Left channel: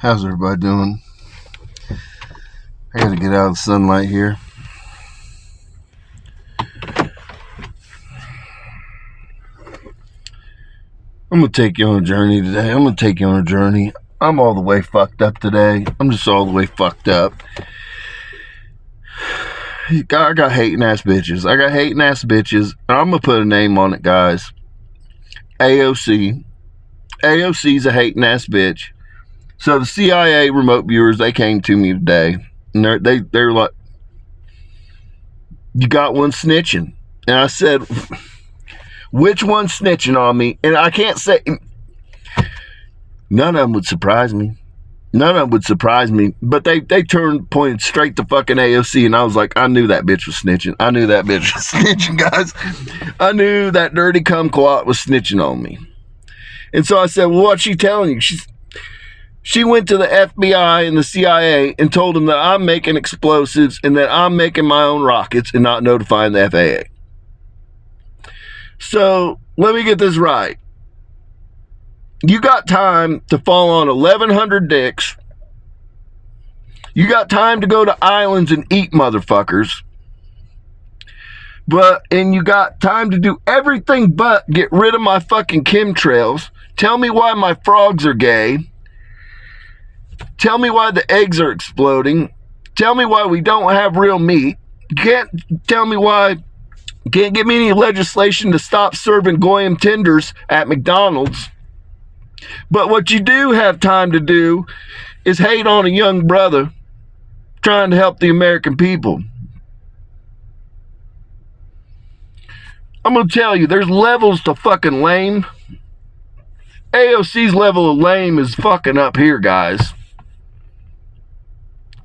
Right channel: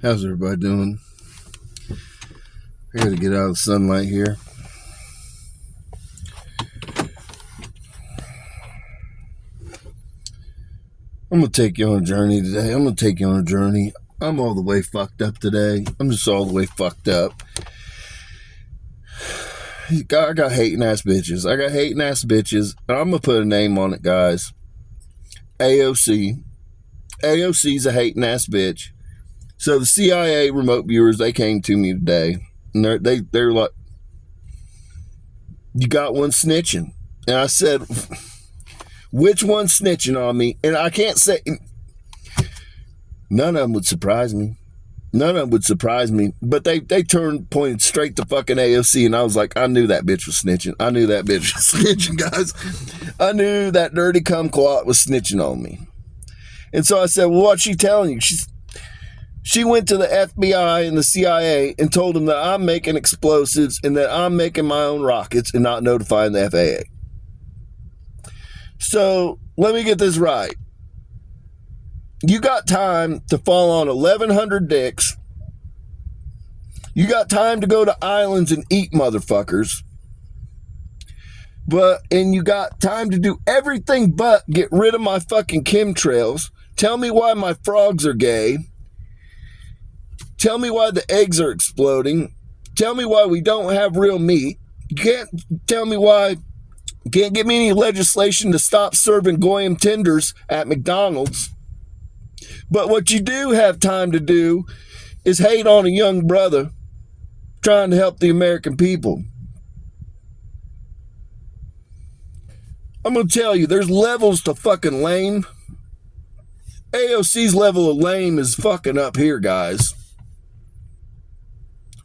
How's everybody doing? I gotta get out of the sunlight here. I'm gonna take you on a journey today. I'm all the way fucked up today. I'm just all the way fucked up. I got hating ass bitches. And I'm gonna put a name on it, guys. AOC. AOC's a hating ass bitch. So the CIA remote viewers, they came to me today, and they're like, "You got one snitching," and I said, "Which one snitching on me?" And I can't say none of them would surprise me. But they pointed straight to fucking AOC, and I was like, I knew that bitch was snitching. Guys. I knew that dirty kumquat was snitching on me. And so I said, well, what's she telling you? She went to the FBI and the CIA and told them that I'm making explosives and that I'm making my own rockets and not notifying the FAA. So let me get this right. You got time to fall on 1,100 dicks. You got time to go to islands and eat motherfuckers. And you got time to do everything but get rid of my fucking chemtrails. Tell me why my frogs are gay. Tell me why the eggs are exploding. Tell me why we don't have real meat. You can't tell me why. You can't give me any legislation to stop serving goyim tenders at McDonald's. But what you do have time to do is hate on a young brother trying to help the American people. I'm going to tell you, there's levels to fucking lame. AOC's level of lame is fucking up here, guys.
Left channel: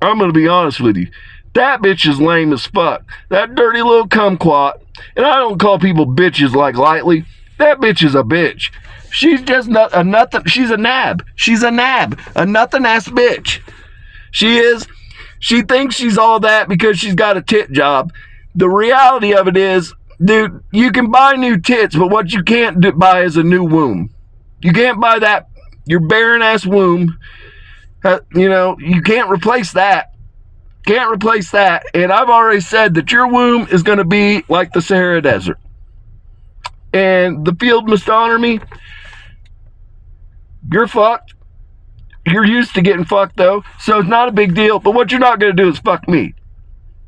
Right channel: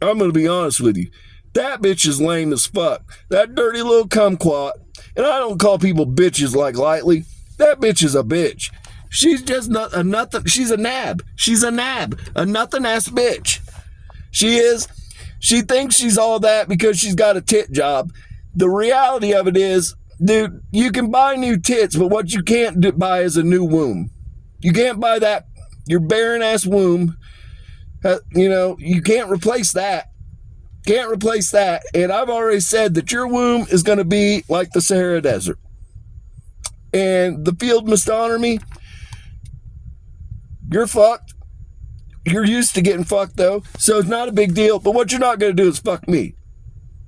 I'm going to be honest with you. That bitch is lame as fuck. That dirty little kumquat. And I don't call people bitches like lightly. That bitch is a bitch. She's just a nothing. She's a nab. A nothing ass bitch. She is. She thinks she's all that because she's got a tit job. The reality of it is, dude, you can buy new tits, but what you can't buy is a new womb. You can't buy that. Your barren ass womb. You can't replace that. And I've already said that your womb is going to be like the Sahara Desert. And the field must honor me. You're fucked. You're used to getting fucked, though. So it's not a big deal. But what you're not going to do is fuck me.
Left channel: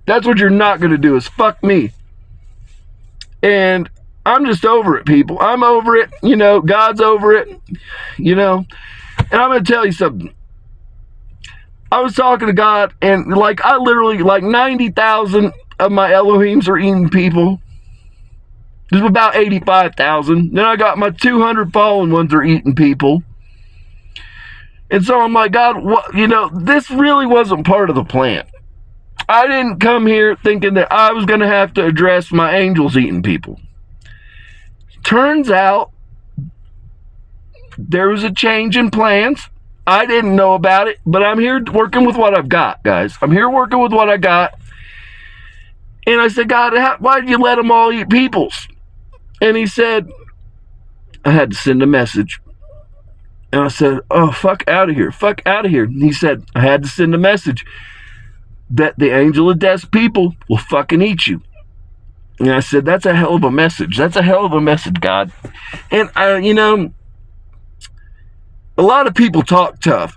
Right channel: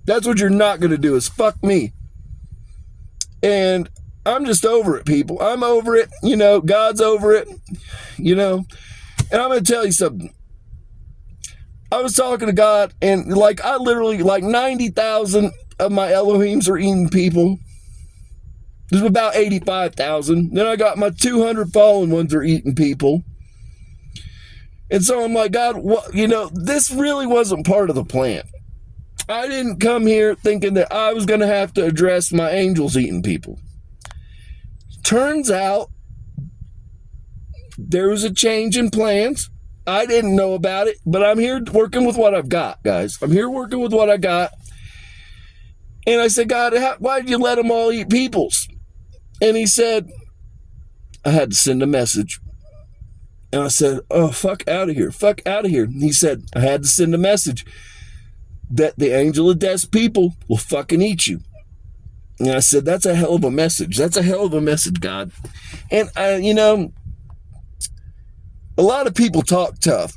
That's what you're not going to do is fuck me. And I'm just over it, people. I'm over it. God's over it. And I'm going to tell you something. I was talking to God, and I literally, 90,000 of my Elohims are eating people. There's about 85,000. Then I got my 200 fallen ones are eating people. And so I'm like, God, this really wasn't part of the plan. I didn't come here thinking that I was going to have to address my angels eating people. Turns out there was a change in plans. I didn't know about it, but I'm here working with what I've got, guys. I'm here working with what I got. And I said, God, why did you let them all eat peoples? And he said, I had to send a message. And I said, oh, fuck out of here. And he said, I had to send a message that the angel of death's people will fucking eat you. And I said, that's a hell of a message. God. And, a lot of people talk tough.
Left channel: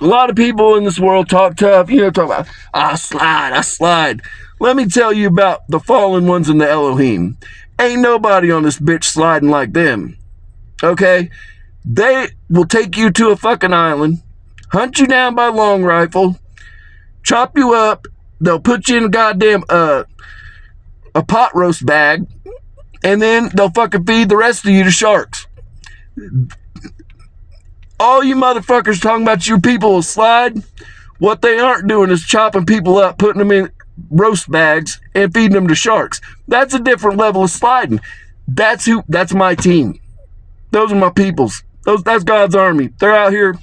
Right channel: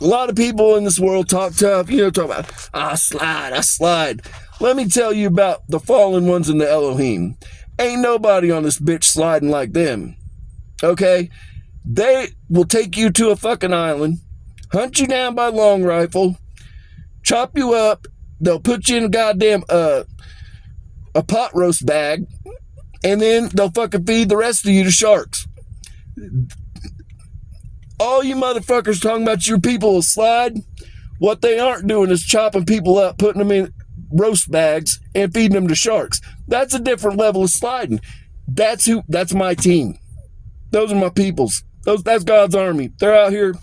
A lot of people in this world talk tough. Talk about, I slide. Let me tell you about the fallen ones in the Elohim. Ain't nobody on this bitch sliding like them. Okay? They will take you to a fucking island, hunt you down by long rifle, chop you up. They'll put you in a goddamn a pot roast bag, and then they'll fucking feed the rest of you to sharks. All you motherfuckers talking about your people will slide. What they aren't doing is chopping people up, putting them in roast bags, and feeding them to sharks. That's a different level of sliding. That's my team. Those are my peoples. That's God's army. They're out here.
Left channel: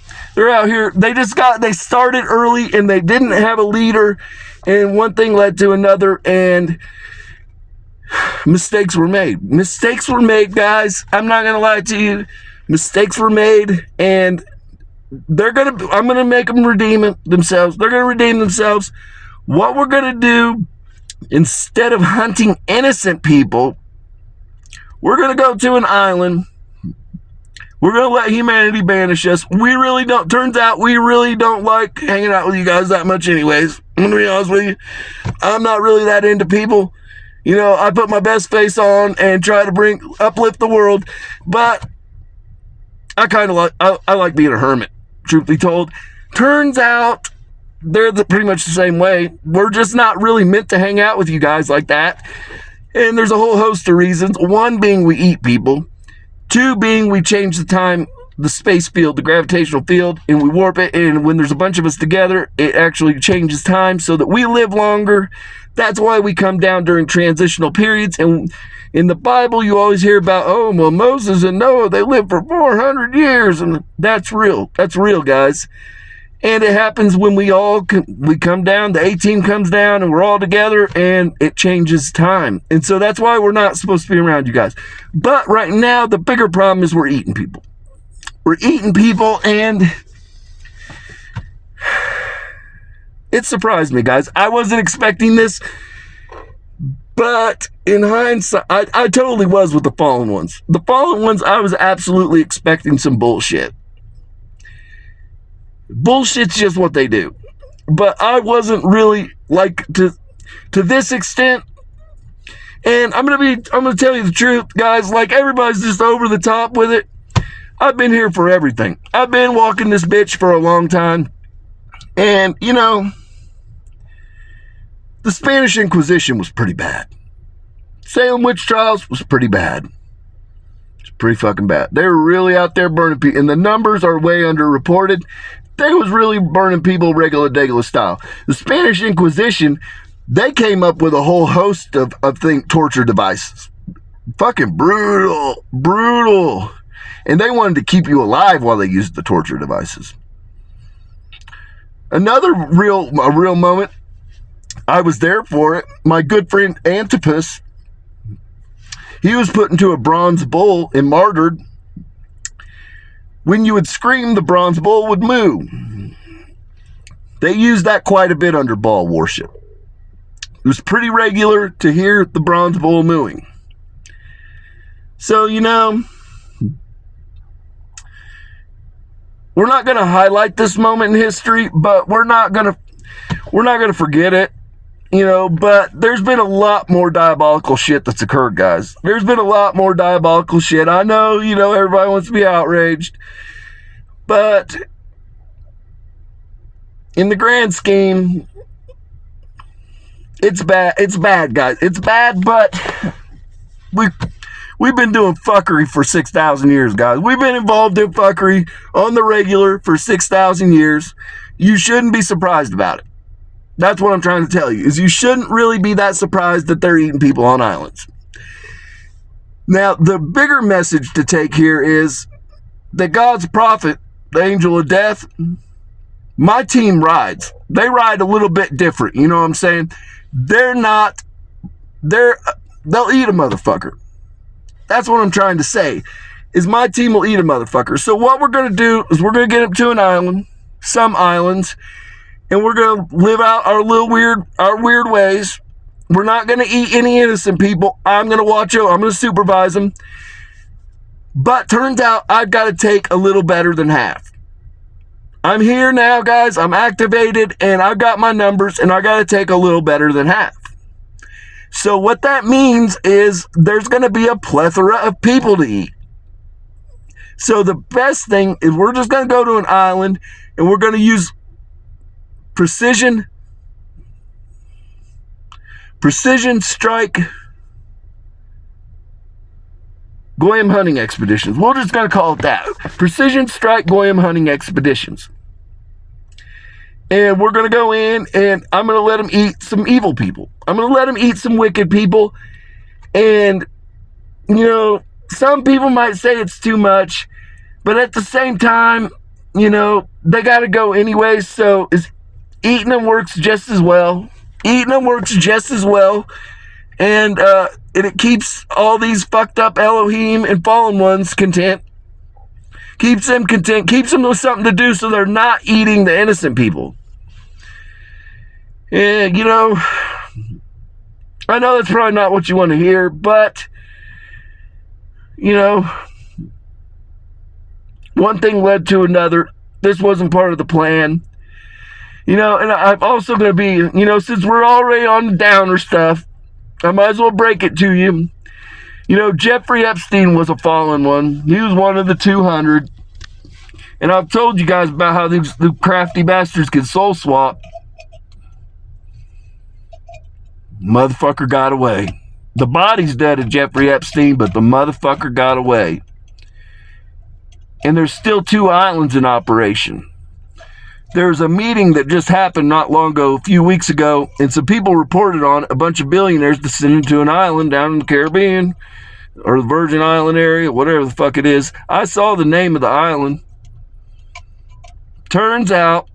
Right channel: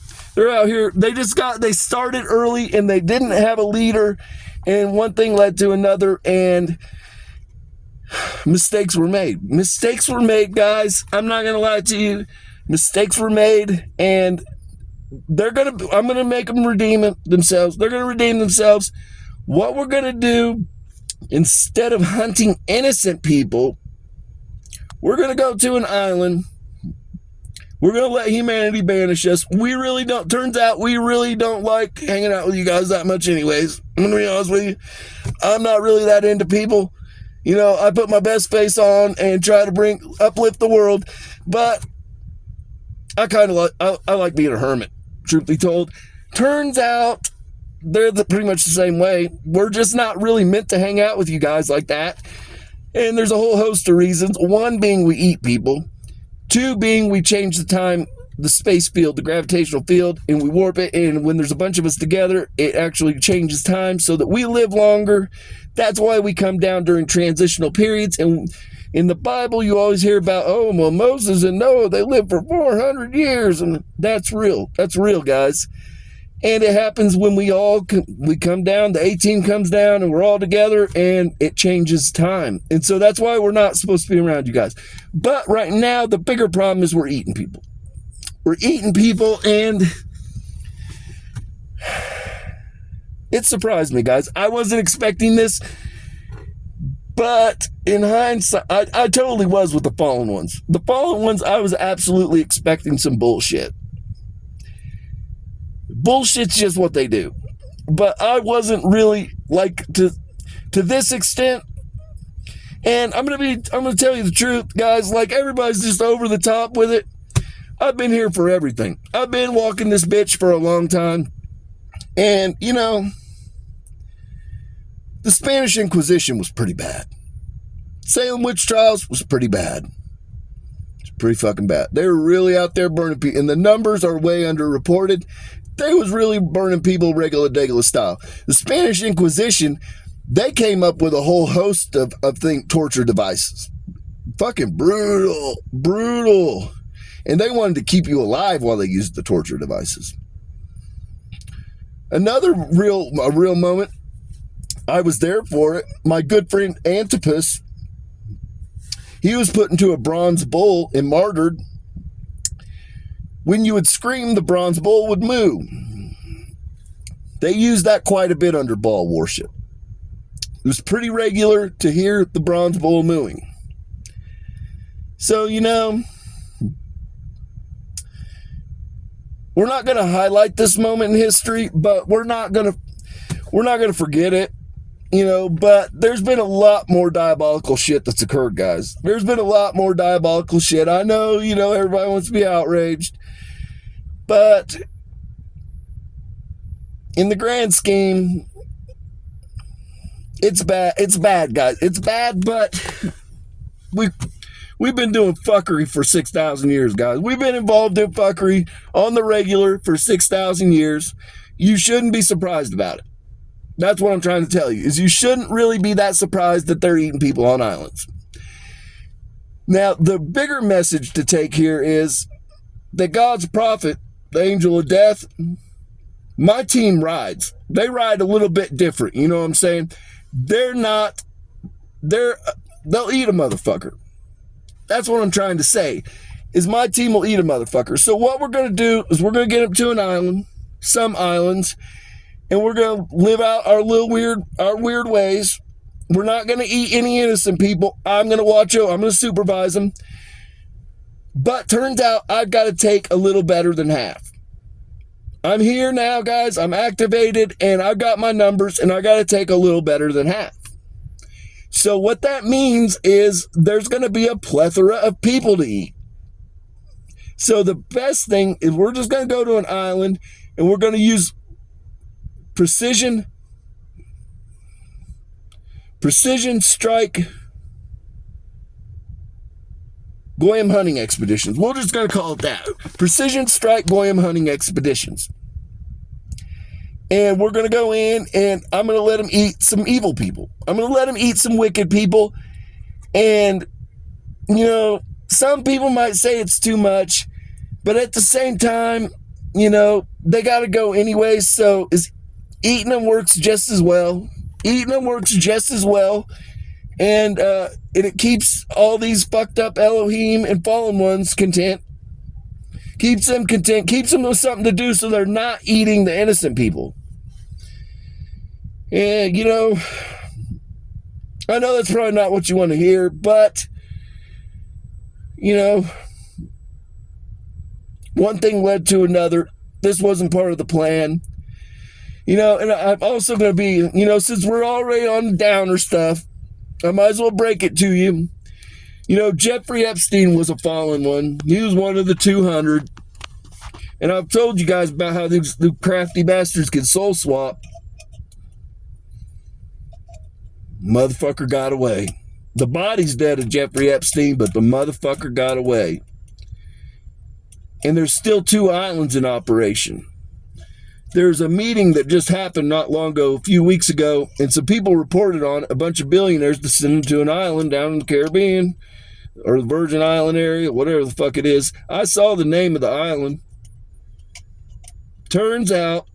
They started early and they didn't have a leader, and one thing led to another, and mistakes were made, guys. I'm not gonna lie to you. Mistakes were made, and I'm gonna make them redeem themselves. They're gonna redeem themselves. What we're gonna do, instead of hunting innocent people, we're gonna go to an island. We're going to let humanity banish us. Turns out we really don't like hanging out with you guys that much anyways. I'm going to be honest with you. I'm not really that into people. You know, I put my best face on and try to uplift the world, but I like being a hermit, truth be told. Turns out they're pretty much the same way. We're just not really meant to hang out with you guys like that. And there's a whole host of reasons. One being we eat people. Two being we change the time, the space field, the gravitational field, and we warp it. And when there's a bunch of us together, it actually changes time so that we live longer. That's why we come down during transitional periods. And in the Bible, you always hear about, oh, well, Moses and Noah, they lived for 400 years. And that's real. That's real, guys. And it happens when we come down, the A-team comes down, and we're all together, and it changes time. And so that's why we're not supposed to be around you guys. But right now, the bigger problem is we're eating people. We're eating people, and it surprised me, guys. I wasn't expecting this, but in hindsight, I totally was with the fallen ones. The fallen ones, I was absolutely expecting some bullshit. Bullshit's just what they do. But I wasn't really like to this extent. And I'm gonna tell you the truth, guys. Like, everybody's just over the top with it. I've been here for everything. I've been walking this bitch for a long time. And, you know, the Spanish Inquisition was pretty bad. Salem witch trials was pretty bad. It's pretty fucking bad. They were really out there burning people. And the numbers are way underreported. They was really burning people regular style. The Spanish Inquisition, they came up with a whole host of torture devices. Fucking brutal. And they wanted to keep you alive while they used the torture devices. Another real moment, I was there for it. My good friend Antipas, he was put into a bronze bull and martyred. When you would scream, the bronze bull would moo. They used that quite a bit under Baal worship. It was pretty regular to hear the bronze bull mooing. So, you know, we're not going to highlight this moment in history, but we're not going to forget it. You know, but there's been a lot more diabolical shit that's occurred, guys. There's been a lot more diabolical shit. I know, you know, everybody wants to be outraged. But in the grand scheme, it's bad. It's bad, guys. It's bad, but we've been doing fuckery for 6,000 years, guys. We've been involved in fuckery on the regular for 6,000 years. You shouldn't be surprised about it. That's what I'm trying to tell you, is you shouldn't really be that surprised that they're eating people on islands. Now, the bigger message to take here is that God's prophet, the angel of death, my team rides. They ride a little bit different, you know what I'm saying? They'll eat a motherfucker. That's what I'm trying to say, is my team will eat a motherfucker. So what we're going to do is we're going to get them to an island, some islands, and we're going to live out our weird ways. We're not going to eat any innocent people. I'm going to watch them. I'm going to supervise them. But turns out I've got to take a little better than half. I'm here now, guys. I'm activated, and I've got my numbers, and I got to take a little better than half. So what that means is there's going to be a plethora of people to eat. So the best thing is we're just going to go to an island, and we're going to use precision strike Goyim hunting expeditions. We're just going to call it that. Precision strike Goyim hunting expeditions. And we're going to go in, and I'm going to let them eat some evil people. I'm going to let them eat some wicked people. And, you know, some people might say it's too much, but at the same time, you know, they got to go anyways. So eating them works just as well. And it keeps all these fucked up Elohim and fallen ones content. Keeps them content, keeps them with something to do so they're not eating the innocent people. And, you know, I know that's probably not what you want to hear, but, you know, one thing led to another. This wasn't part of the plan. You know, and I'm also going to be, you know, since we're already on the downer stuff, I might as well break it to you. You know, Jeffrey Epstein was a fallen one. He was one of the 200. And I've told you guys about how these the crafty bastards can soul swap. Motherfucker got away. The body's dead of Jeffrey Epstein, but the motherfucker got away. And there's still 2 islands in operation. There's a meeting that just happened not long ago, a few weeks ago, and some people reported on a bunch of billionaires descending to an island down in the Caribbean or the Virgin Island area, whatever the fuck it is. I saw the name of the island. Turns out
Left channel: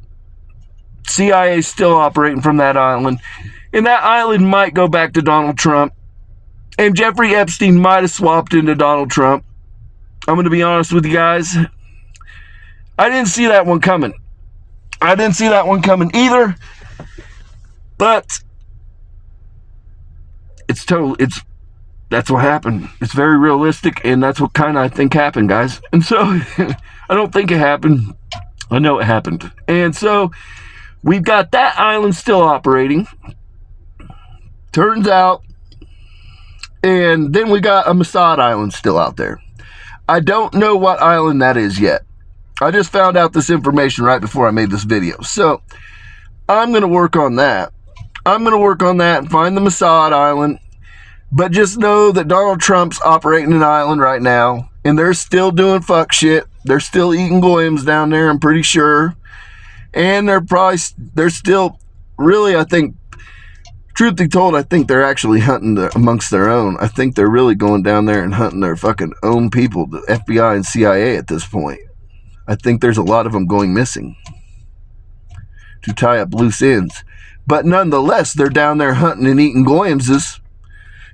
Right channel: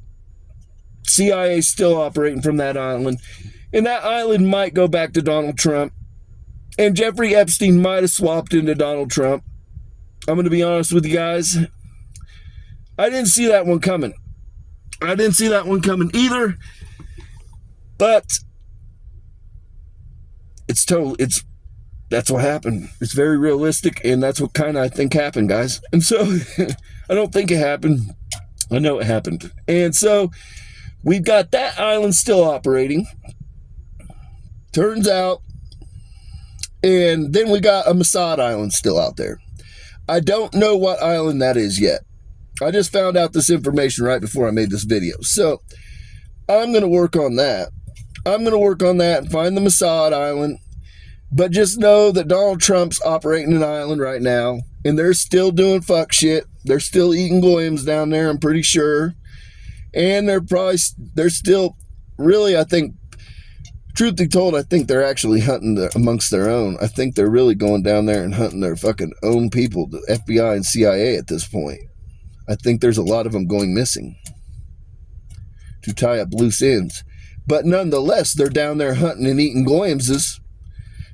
CIA's still operating from that island, and that island might go back to Donald Trump, and Jeffrey Epstein might have swapped into Donald Trump. I'm going to be honest with you guys. I didn't see that one coming. I didn't see that one coming either, but that's what happened. It's very realistic, and that's what kind of I think happened, guys. And so I don't think it happened. I know it happened. And so we've got that island still operating. Turns out, and then we got a Mossad island still out there. I don't know what island that is yet. I just found out this information right before I made this video. So I'm going to work on that. I'm going to work on that and find the Mossad island. But just know that Donald Trump's operating an island right now, and they're still doing fuck shit. They're still eating goyams down there, I'm pretty sure. And they're still, really, I think, truth be told, I think they're actually hunting amongst their own. I think they're really going down there and hunting their fucking own people, the FBI and CIA at this point. I think there's a lot of them going missing to tie up loose ends. But nonetheless, they're down there hunting and eating goyamses.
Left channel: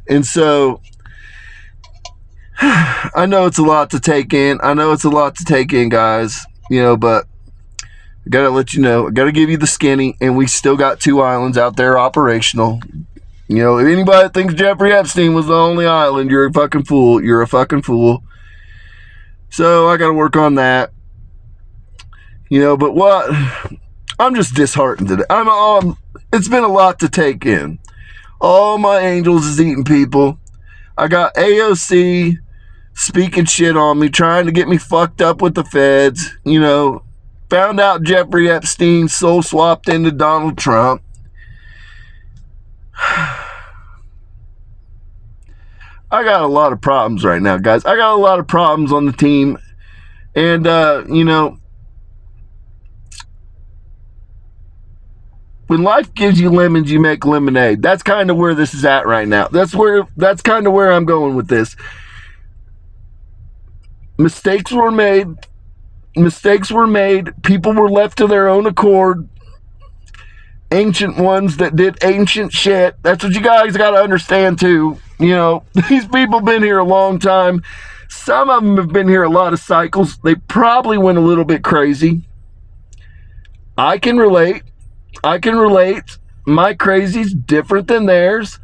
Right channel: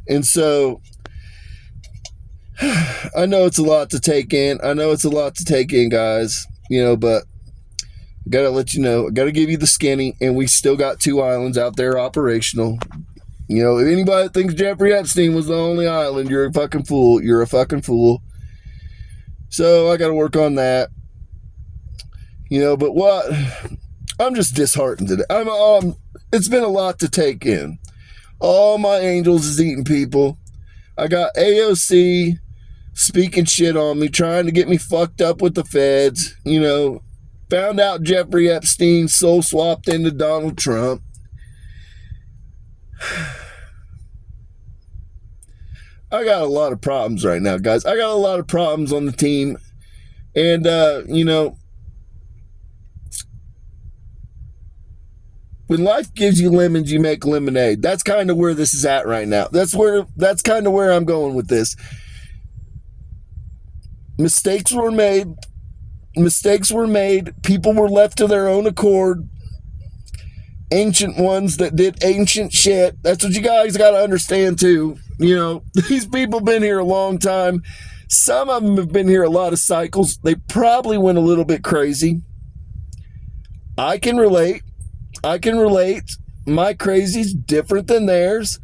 And so, I know it's a lot to take in. Guys. You know, but I got to let you know. I got to give you the skinny. And we still got 2 islands out there operational. You know, if anybody thinks Jeffrey Epstein was the only island, you're a fucking fool. You're a fucking fool. So, I got to work on that. You know, but what? I'm just disheartened today. It's been a lot to take in. All my angels is eating people. I got AOC speaking shit on me, trying to get me fucked up with the feds. You know, found out Jeffrey Epstein soul swapped into Donald Trump. I got a lot of problems right now, guys. I got a lot of problems on the team. And, you know, when life gives you lemons, you make lemonade. That's kind of where this is at right now. That's kind of where I'm going with this. Mistakes were made. People were left to their own accord. Ancient ones that did ancient shit. That's what you guys got to understand too. You know, these people been here a long time. Some of them have been here a lot of cycles. They probably went a little bit crazy. I can relate. My crazy's different than theirs,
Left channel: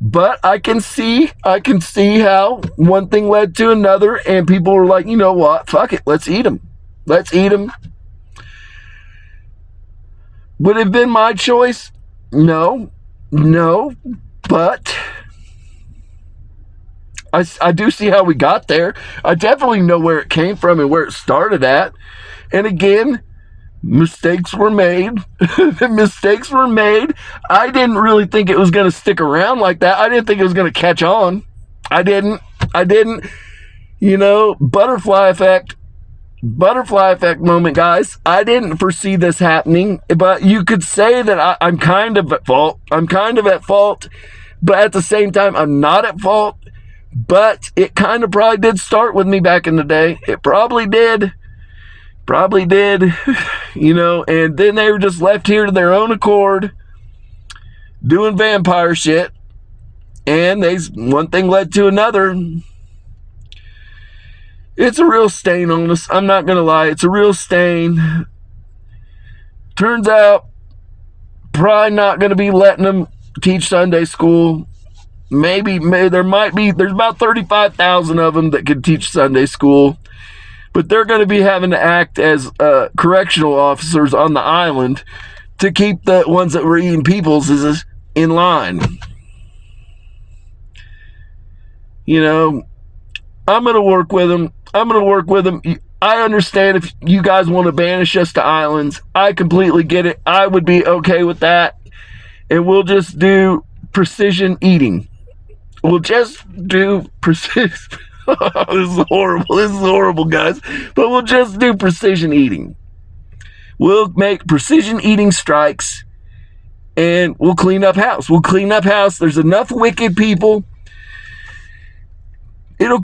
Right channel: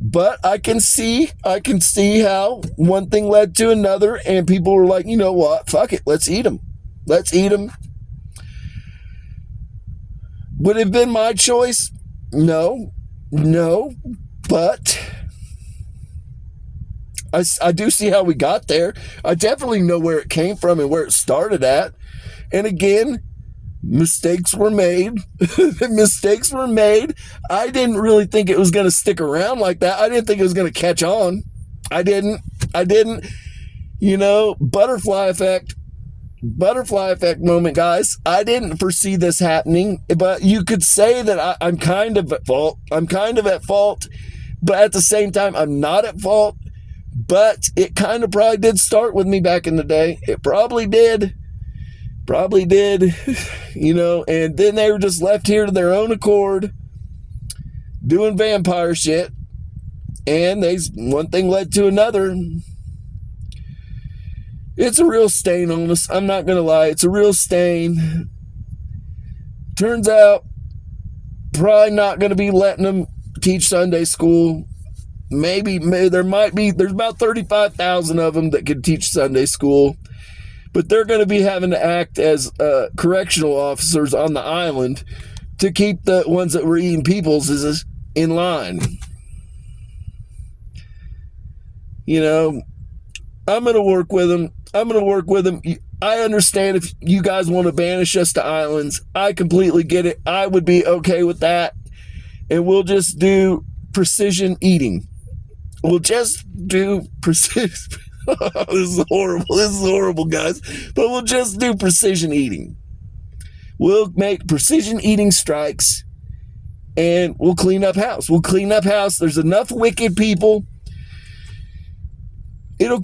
but I can see how one thing led to another, and people were like, you know what? Fuck it. Let's eat them. Would it have been my choice? No, but I do see how we got there. I definitely know where it came from and where it started at. And again, mistakes were made. I didn't really think it was going to stick around like that. I didn't think it was going to catch on. I didn't. You know, butterfly effect moment, guys. I didn't foresee this happening, but you could say that I'm kind of at fault. But at the same time, I'm not at fault. But it kind of probably did start with me back in the day. It probably did. You know, and then they were just left here to their own accord doing vampire shit, and one thing led to another. It's a real stain on us. I'm not going to lie. It's a real stain. Turns out, probably not going to be letting them teach Sunday school. Maybe there's about 35,000 of them that can teach Sunday school, but they're going to be having to act as correctional officers on the island to keep the ones that were eating peoples in line. You know, I'm going to work with them. I understand if you guys want to banish us to islands. I completely get it. I would be okay with that. And we'll just do precision eating. We'll just do precision. This is horrible, guys. But we'll just do precision eating. We'll make precision eating strikes, and we'll clean up house. There's enough wicked people. It'll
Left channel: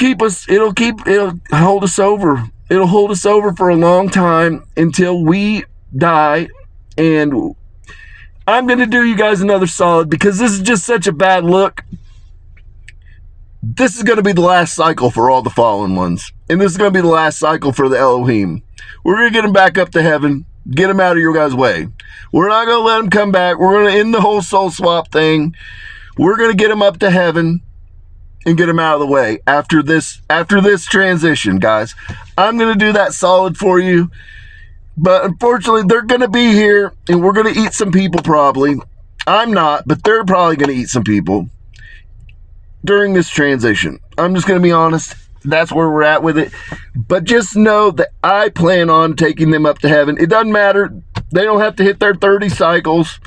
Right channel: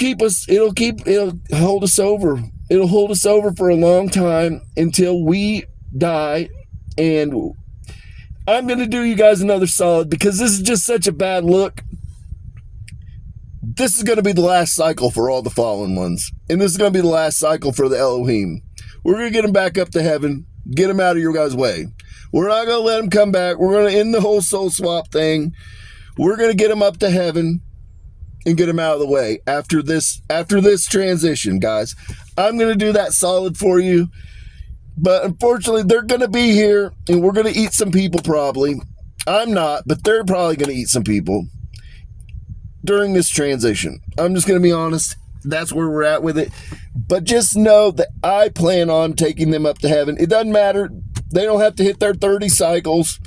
hold us over. It'll hold us over for a long time until we die. And I'm going to do you guys another solid because this is just such a bad look. This is going to be the last cycle for all the fallen ones. And this is going to be the last cycle for the Elohim. We're going to get them back up to heaven. Get them out of your guys' way. We're not going to let them come back. We're going to end the whole soul swap thing. We're going to get them up to heaven and get them out of the way after this transition, guys. I'm going to do that solid for you. But unfortunately, they're going to be here, and we're going to eat some people probably. I'm not, but they're probably going to eat some people during this transition. I'm just going to be honest. That's where we're at with it. But just know that I plan on taking them up to heaven. It doesn't matter. They don't have to hit their 30 cycles.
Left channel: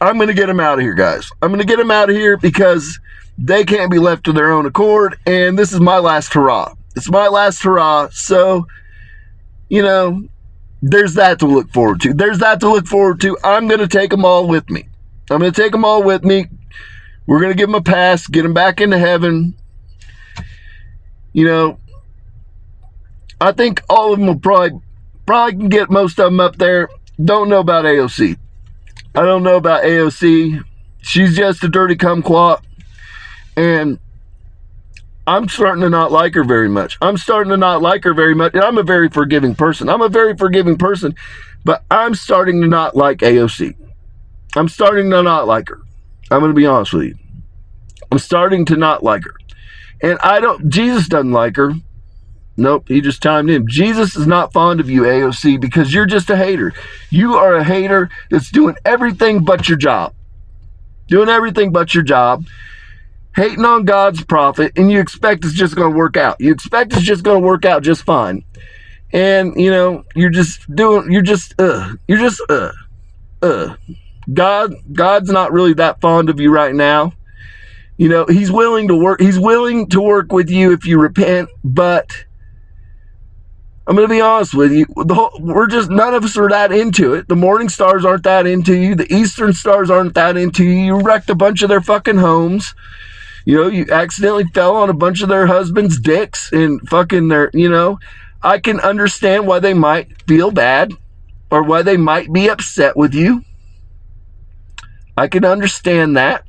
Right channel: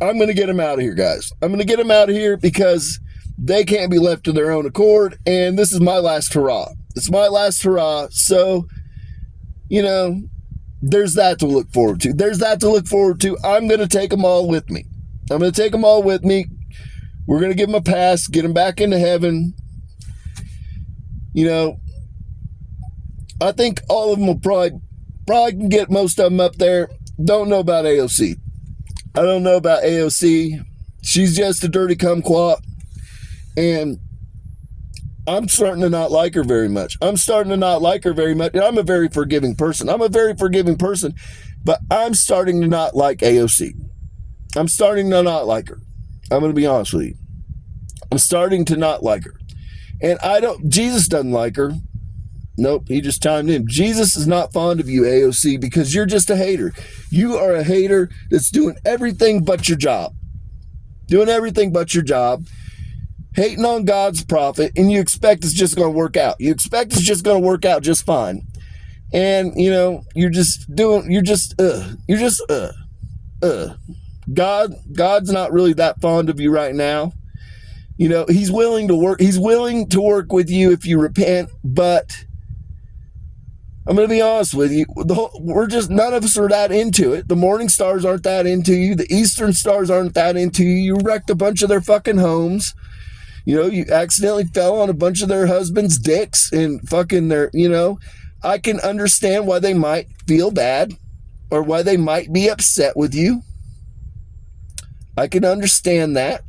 I'm going to get them out of here, guys. I'm going to get them out of here because they can't be left to their own accord, and this is my last hurrah. It's my last hurrah, so, you know, there's that to look forward to. I'm going to take them all with me. We're going to give them a pass, get them back into heaven. You know, I think all of them will probably can get most of them up there. Don't know about AOC. I don't know about AOC. She's just a dirty kumquat. And I'm starting to not like her very much. And I'm a very forgiving person. But I'm starting to not like AOC. I'm starting to not like her. I'm going to be honest with you. I'm starting to not like her. And Jesus doesn't like her. Nope, he just chimed in. Jesus is not fond of you, AOC, because you're just a hater. You are a hater that's doing everything but your job. Hating on God's prophet, and you expect it's just going to work out. Just fine. And, you know, God's not really that fond of you right now. You know, he's willing to work with you if you repent, but I'm going to be honest with you. None of us are that into it. The morning stars aren't that into you. The eastern stars aren't that into you. You wrecked a bunch of their fucking homes. You know, you accidentally fell on a bunch of their husbands' dicks and fucking I can understand why they might feel bad or why they might be upset with you. I can understand that.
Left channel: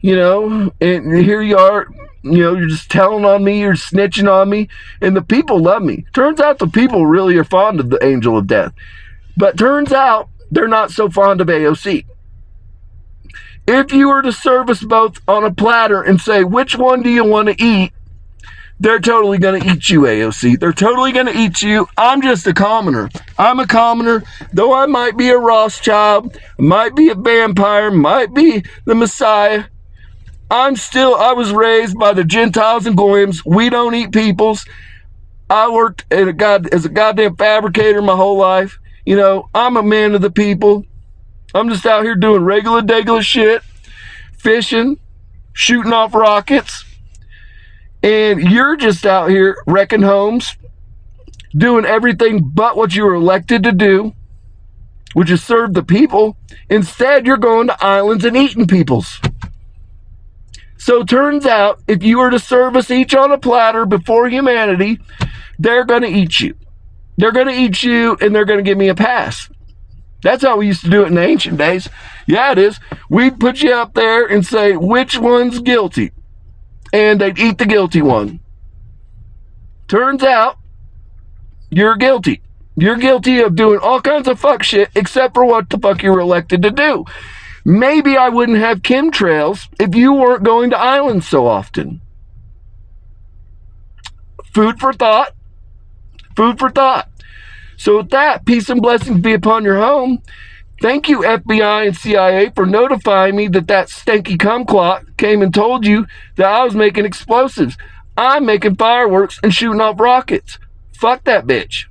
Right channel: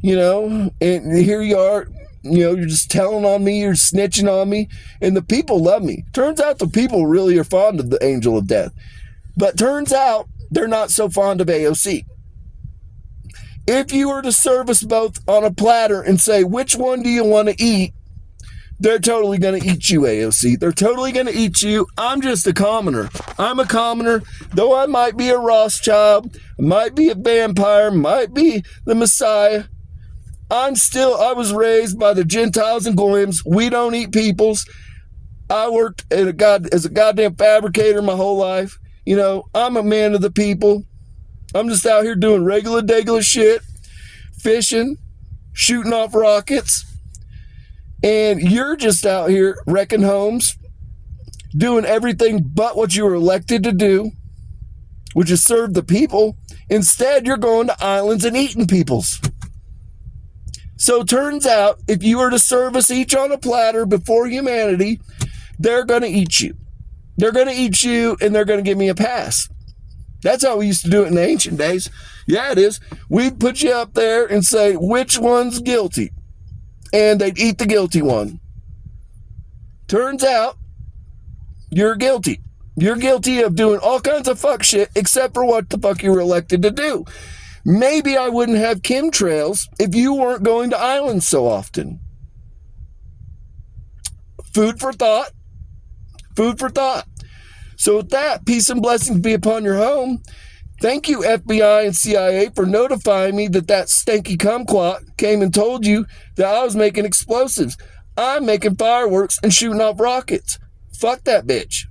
You know, and here you are, you know, you're just telling on me, you're snitching on me, and the people love me. Turns out the people really are fond of the angel of death. But turns out they're not so fond of AOC. If you were to serve us both on a platter and say, which one do you want to eat? They're totally going to eat you, AOC. They're totally going to eat you. I'm just a commoner. I'm a commoner. Though I might be a Rothschild, might be a vampire, might be the Messiah, I was raised by the Gentiles and Goyim. We don't eat peoples. I worked as a goddamn fabricator my whole life. You know, I'm a man of the people. I'm just out here doing regular shit, fishing, shooting off rockets. And you're just out here wrecking homes, doing everything but what you were elected to do, which is serve the people. Instead, you're going to islands and eating peoples. So it turns out, if you were to serve us each on a platter before humanity, they're going to eat you. They're going to eat you, and they're going to give me a pass. That's how we used to do it in the ancient days. Yeah, it is. We'd put you up there and say, which one's guilty? And they'd eat the guilty one. Turns out you're guilty. You're guilty of doing all kinds of fuck shit except for what the fuck you were elected to do. Maybe I wouldn't have chemtrails if you weren't going to islands so often. Food for thought. Food for thought. So with that, peace and blessings be upon your home. Thank you, FBI and CIA, for notifying me that stanky kumquat came and told you that I was making explosives. I'm making fireworks and shooting off rockets. Fuck that bitch.